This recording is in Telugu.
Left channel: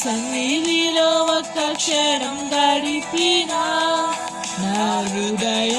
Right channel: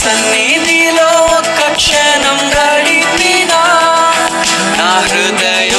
సన్నిధిలో ఒక్క క్షణం